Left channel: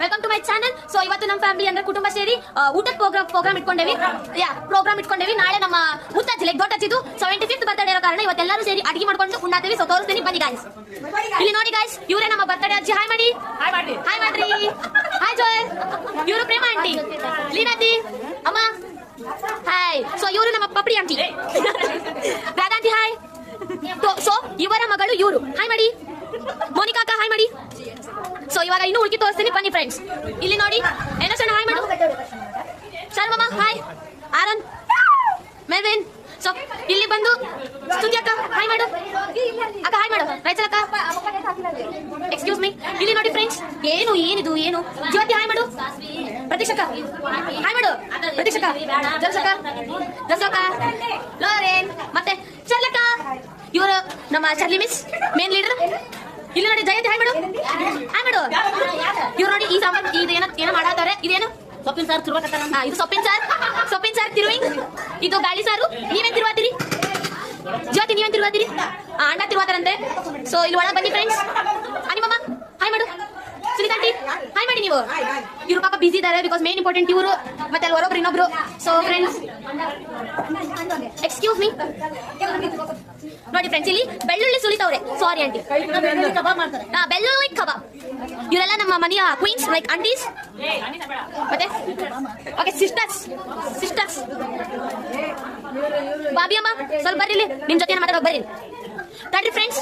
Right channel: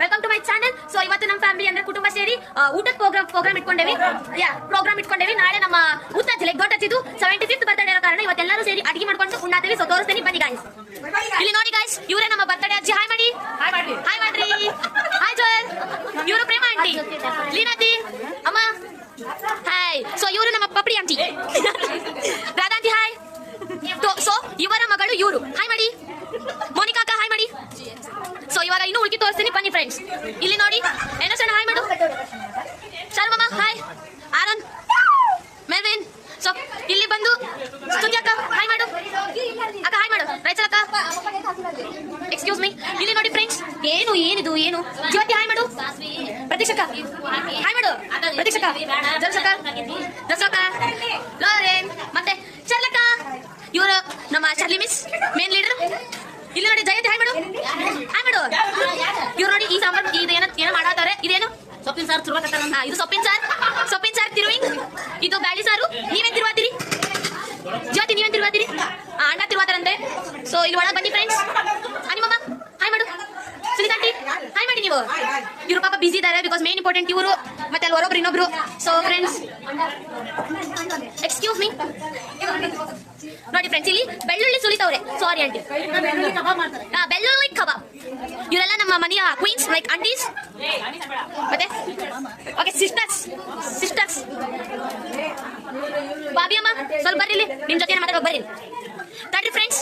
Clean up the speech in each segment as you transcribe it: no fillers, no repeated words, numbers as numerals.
Welcome to my channel. So ಇವತ್ತು ನಮ್ಮ family ಅಂದ್ರೆ ಕುಟುಂಬ ಸೇರಿ ಊಟದ ಪ್ರೋಗ್ರಾಮ್ ಇಟ್ಕೊಂಡೇವಿ. ನಾಳೆ ನಮ್ಮ ಊಟದ ಲೆಗ್ ಹಚ್ಚಿದ್ದು 75th ಬರ್ತ್ಡೇ ಇರೋ ಕಾರಣ ಇವತ್ತೆಲ್ಲರೂ ಸೇರಿ ಅಡಿಗೆ ಮಾಡ್ಕೊಂಡು ಉಣ್ಣಾತೀವಿ. ಸೊ ತೋರಿಸ್ತೀನಿ ಬನ್ನಿ ಗಾಯ್ಸ್. ಇಲ್ಲಿ ನೋಡಿ ಗಾಯ್ಸ್, ಇವರೇ ನಮ್ಮ ಬರ್ತ್ಡೇ ಅಜ್ಜಿ. ಹಾಯ್ ಮಾಡಿ, ಹಾಯ್ ಮಾಡ್ರಿ. Hi Joy. ಇವರು ಪ್ರೇಮ ಆಂಟಿ, ಲೀನಾತಿ ಅಮ್ಮ ಹಾಯ್. ಸೊ ಇವರು ನಮ್ಮ ಪಪ್ಪಡಿ ಆಂಟಿ ರಾಧಾಂಟಿ ಹಾಯ್. ಸೊ ಇವರ ಮಗಳು ಇವರು. ಹಾಯ್ ಮಾಡಿ. ಮೋನಿಕಾ ಅಕ್ಕ ಹಾಯ್ ಮಾಡಿ. ಸೊ ಇವಾಗ ಇನ್ನೂ ಉಳ್ಕಿ ತೋರಿಸ್ತೀನಿ ಬನ್ನಿ ಫ್ರೆಂಡ್ಸ್. ಇಲ್ಲಿ ನೋಡಿ ಏನೋ ಸಣ್ಣ ಹಾಯ್ ಮಾಡು. ಶರ್ಮಮ್ಮ ಹಾಯ್. ಆನಂದ್, ಮೆವಿನ್. ಸೊ ಇಲ್ಲಿ ಬಂದು ಸ್ತುತಿ ಅಕ್ಕ ಹಾಯ್ ಮಾಡು. ಅಕ್ಕ ಹಾಯ್ ಮಾಡು. ರೈಚಲ್ ಅಕ್ಕ ಎಕ್ಸ್ಕ್ಯೂಸ್ ಮೀ. ಇಲ್ಲಿ ನೋಡಿ ಫ್ರೆಂಡ್ಸ್, ಏನಿದು ಜ್ಯೋತಿ ಹಾಯ್ ಮಾಡು. ಪ್ರತೀಕ್ಷಕ ಹಾಯ್ ಮಾಡು. ಪ್ರತೀಕ್ಷಕ, ಜರ್ಸಕ, ಲೋರೇನ್, ಮತ್ತೆ ಚರ್ಲಕ್ಕ. ಇವರು ನಮ್ಮ ಚಾರ್ಲಿ ಮಿಸ್, ಮೇನ್ ಲೀಡರ್. ಇಲ್ಲಿ ನೋಡಿ ಜಯಂತಿ ಹಾಯ್ ಮಾಡು. ಇವ್ರು ನೋಡಿ ಈ ಸಾಂಬಾರ್ ಇದು ಏನೋ ಮಾಡಾತಾರೆ. ಇದೇನು ಸೊಪ್ಪಿನ ಸಾರು ತಿರುವಾಕತ್ತಾರ. ಇದು ಸೊಪ್ಪಿನ ಸಾರು ತಿರುವಿಂಗ್. ಇದು ಬ್ಯಾಳಿ ಸಾರು. ನೀವೇನ್ ತಿರುವಾತೀರಿ ಜ್ಯೋತಿ? ನೀವೇನ್ ತಿರುವಾತೀರಿ? ಅಣ್ಣ ತಿರುವಾತಾರಂತೆ. ಸೊ ಇಲ್ಲಿ ಒಳಗೆ ಬನ್ನಿ ಫ್ರೆಂಡ್ಸ್. ಅನಿಮಮ್ಮ ಹಾಯ್ ಮಾಡು. ಸುನಿತಾಂಟಿ ಹಾಯ್ ಮಾಡಿ. ನೀವು ಇವ್ರು ಪಾಪ ಬಿಸಿ ಇದ್ದಾರೆ ಬಿಕಾಸ್ ಮೇನ್ ಇಂಪಾರ್ಟೆಂಟ್ ಇವರು, ಮತ್ತೆ ಅಲ್ಲಿ ಹೊರೊಬ್ರು ಇನ್ನೊಬ್ರು. So friends excuse me. ನೋಡಿ ಫ್ರೆಂಡ್ಸ್, ಇಲ್ಲಿ ಬೆಳ್ಳುಳ್ಳಿ ಸುಲಿತವ್ರೆ. Sorry aunty. ಬೆಳ್ಳುಳ್ಳಿ ಕಬಾಬ್. ಇವರೆಲ್ಲ ನಮ್ಮ ಮನೆಯ ಕ್ವೀನ್ಸ್, ಲೈಕ್ ಆಂಟೀಸ್. ಮತ್ತೆ ಓಕೆ ಸಿಸ್ಟರ್ಸ್. ಬಾಬಿ ಅಮ್ಮ ಸ್ವಲ್ಪ ಬರ್ರಿ, ನಿಮ್ ಜೊತೆ ಮಾತಾಡೋಕೆ ಬರ್ರಿ. ತಡ್ರಿ ಫ್ರೆಂಡ್ಸ್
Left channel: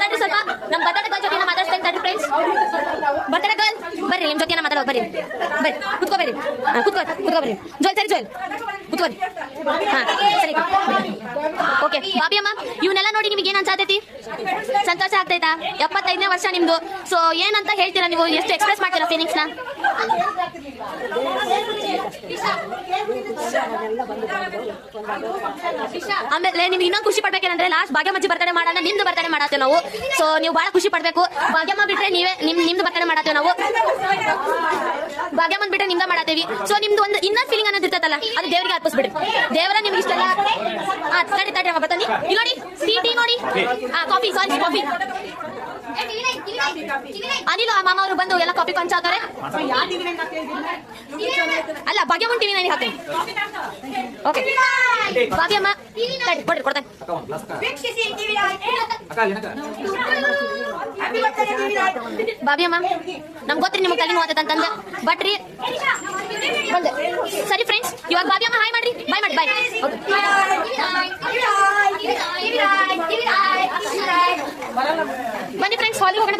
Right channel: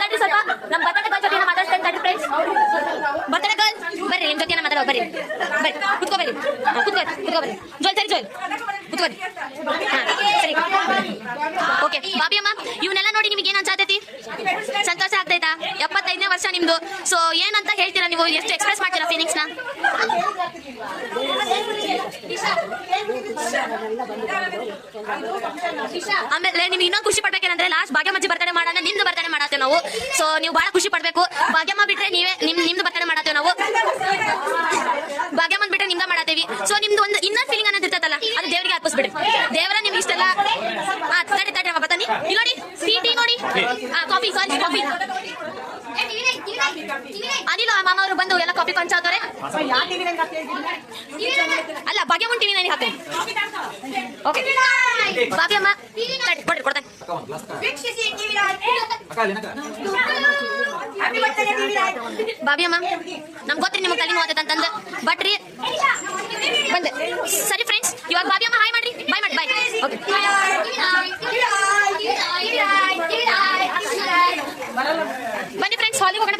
ತಡ್ರಿ ಸ್ವಲ್ಪ. ನಮ್ಮ ಬರ್ತಡೇ ಗರ್ಲ್ ಜೊತೆ ಮಾತಾಡ್ತೇನೆ. ತಡ್ರಿ ಫ್ರೆಂಡ್ಸ್, ಬರ್ತಡೇ ಗರ್ಲ್ ಬರ್ರಿ, ನಿಮ್ ಜೊತೆ ಮಾತಾಡೋಕೆ ಬರ್ರಿ. ಕುತ್ಕೋ ಬರ್ರಿ. ಜೋಯ್ ಕುತ್ಕೋರಿ. ಹಾ ಸರಿ ಓಕೆ. ಬಾಬಿ ಅಮ್ಮ, ಇವನ್ನೆಲ್ಲ ನೋಡಿ ನಿಮಗೆ ಏನ್ ಅನ್ಸಾತೈತಿ? ಸಂತೋಷ ಆಗ್ತೈತಾ? 75ನೇ ವರ್ಷ ನಿಮ್ದು. ಸೊ ಏನಂತ ಹೇಳ್ತೀರಾ ನೀವು? ಎಷ್ಟು ಎಕ್ಸ್ಪ್ರೆಸ್ ಮಾಡ್ತೀರಾ ಫೀಲಿಂಗ್ಸ್ ನ? ಆಮೇಲೆ ನಿಮ್ಗೆ ಇನ್ನೊಂದು ಖುಷಿ ಪಡ್ಬೇಕೇನಂದ್ರೆ, ಲಾಸ್ಟ್ ಭಾಗ್ಯಮ್ಮಜ್ಜಿ ಬರ್ತಡೇ ಮಾಡೋಣ, ನಿಮ್ದು ಬರ್ತಡೇ ಮಾಡತ್ತೇವೆ ನಾವು. ಸೊ ನೀವು ಬಹಳ ಖುಷಿ ಪಡ್ಬೇಕು. ಭಾಗ್ಯಮ್ಮ ಬಿಟ್ರೆ ನೀವೇ ನಿಮ್ದು ಬರ್ತಡೇ ಮಾಡತ್ತೇವೆ ನಾವು. ಭಾಗ್ಯಮ್ಮನ್ ಬಿಟ್ರೆ ನಿಮ್ದ ಮಾಡತ್ತೇವಿ. ಸೊ ನಿಮ್ದು ಒಂದು ಇನ್ನೊಂದು ಫೀಲಿಂಗ್ ಅನ್ನೋದು ಇರ್ತೈತಲ್ಲ, ಅದು ದೇವರಿಗೆ ಅರ್ಪಿಸ್ಬಿಡಿ. ದೇವರ ನಿಮ್ಗೆ ಇಷ್ಟೆಲ್ಲ ತಡಿ ಅಮ್ಮ ಬತ್ತಾನಿ. ಇಲ್ಲಿ ನೋಡಿ ಟೀ ನೋಡಿ. ಕಾಫಿ ಅನಿಲ್ ಮಾಮ ಅವರು ಬಂದು ಎಲ್ಲ ಕಾಫಿ ಕೊಂಚಾತಾರೆ. ಅಲ್ಲ, ಭಾಗ್ಯಮ್ಮನ್ ಟಿವಿ ನನಗೆ ಹಾಕ್ತೇನೆ. ಓಕೆ ಭಾಗ್ಯಮ್ಮ ಕೊಡ್ತೇನೆ. ಬಾಬಿಯಮ್ಮ, ನಮ್ಗೆ ಗೊತ್ತ್ರಿ ನಿಮ್ಗೆ ಕಡಿಮೆ ಹೋಗ್ತೈತೆ ಅಂತಂದೆ, ಬಟ್ ರೀ ಬಂದೆ. ಸರಿ ಫ್ರೆಂಡ್ಸ್, ಇವಾಗ ಬಾಬಿಯಮ್ಮ ಹಾಯ್ ಮಾಡ್ರಿ. ಬಾಯ್. ಬನ್ನಿ ಫ್ರೆಂಡ್ಸ್, ಹಾಲಿಗೆ ಹೋಗೋಣ.